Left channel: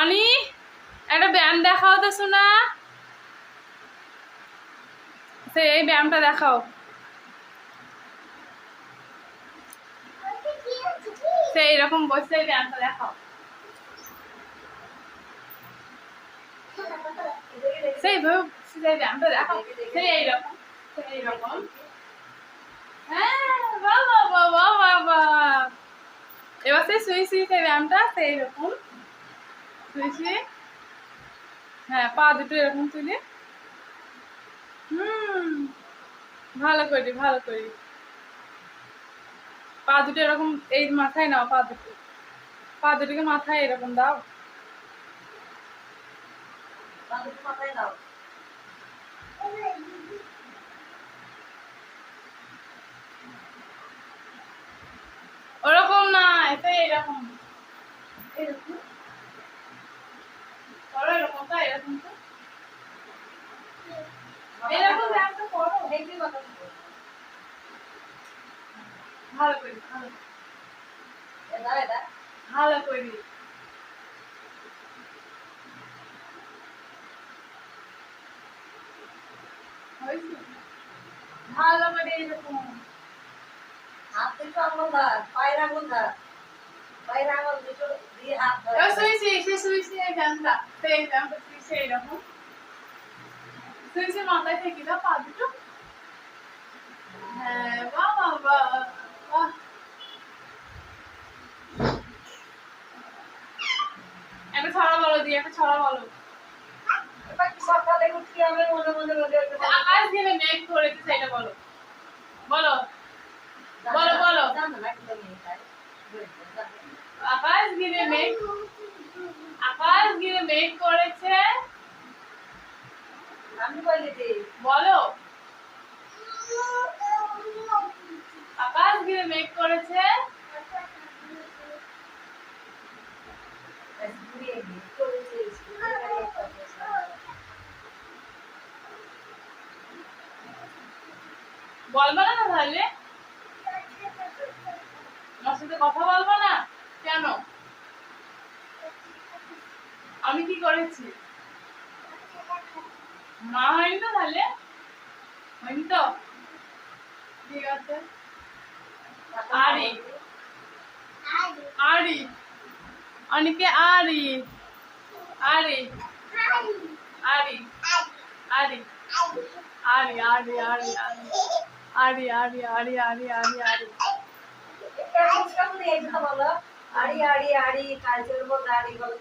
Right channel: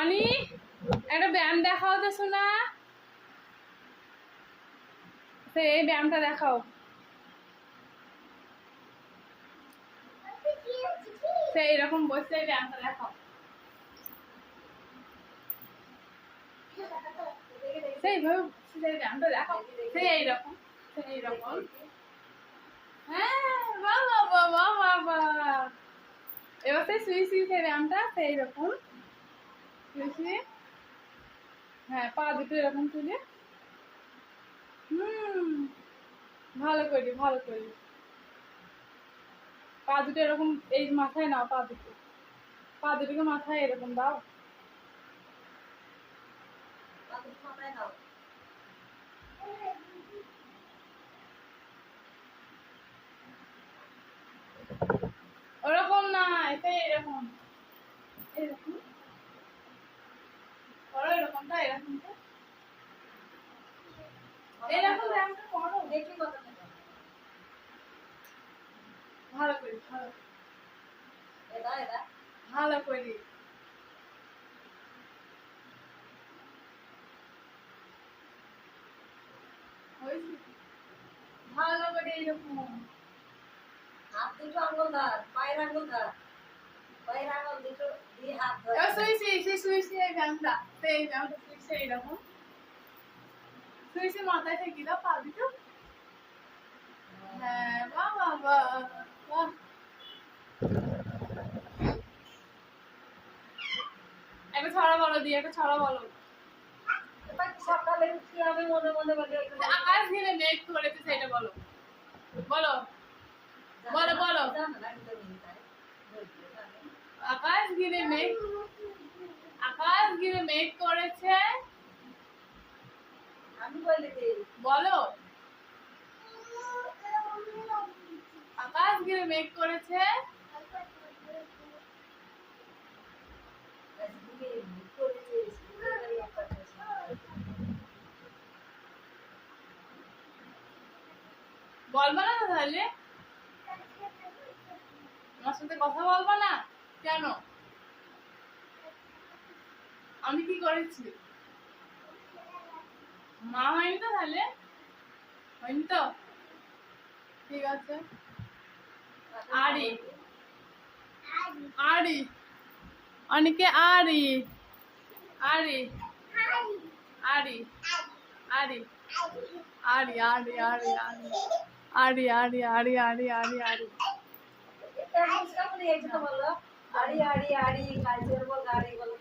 অনি একটা ব্যায়াম দেখাও তো শোনা, এই ব্যায়ামটা দেখাও। সেই রকম বসে এই ব্যায়ামটা দেখাও। সেই ব্যায়ামটা দেখাও, সেই এইরকম, সেই এইরকম। হ্যাঁ বাবা বাবা বাবা, এবার সেই শুয়ে শুয়ে সেই ব্যায়ামটা সেই রকম শুয়ে শুয়ে। হ্যাঁ, পা দুটো এরকম তুলে। ভালো করি, ভালো করি। পা দুটো এরকম এই মাথায় নাও, পা দুটোকে মাথায় এরকম দাও। মাথায় দাও। ওরকম না, এটা এরকম এরকম এরকম তো এরকম তো এরকম ব্যায়ামটা করো। হেঁটে মাথা থাকো। ভালো করি, ভালো এটা এটা ভালো করি। ভালো করে এরকম হাত দুটো আঙুল ধর, পায়ের আঙুল ধর, পায়ের আঙুল দুটো দিয়ে হাত ধর। শুয়েছি এই ব্যায়ামটা, সেই ব্যায়ামটা শুয়েছি এইরকম শুয়েছি, মাথায় ঠেকে দাও পা দুটো। হ্যাঁ বাবা বাবা, একটা ছড়া বলো দিয়ে, একটা ছড়া বলো। সকালে উঠি আমি মনে মনে আকাশ ঘিরে মেঘ করেছে সেটা বলো, বলো বলো বলো। আকাশ ঘিরে মেঘ, আকাশ ঘিরে মেঘ করেছে। আমি বলি দি বলো, আকাশ ঘিরে মেঘ করেছে। বলবা না তাহলে, আমার সাথে কথা বলবা না কেন? আমি কি করেছি? মা হয়নি তো তাহলে, হয়নি তো, ঠিক আছে। আরি আরি অনিকে আরি আরি আরি আরি আরি আরি আরি আরি আরি আরি আরি আরি আরি। বলো আড়ি আড়ি আড়ি কাজের মধ্যে আড়ি বলো।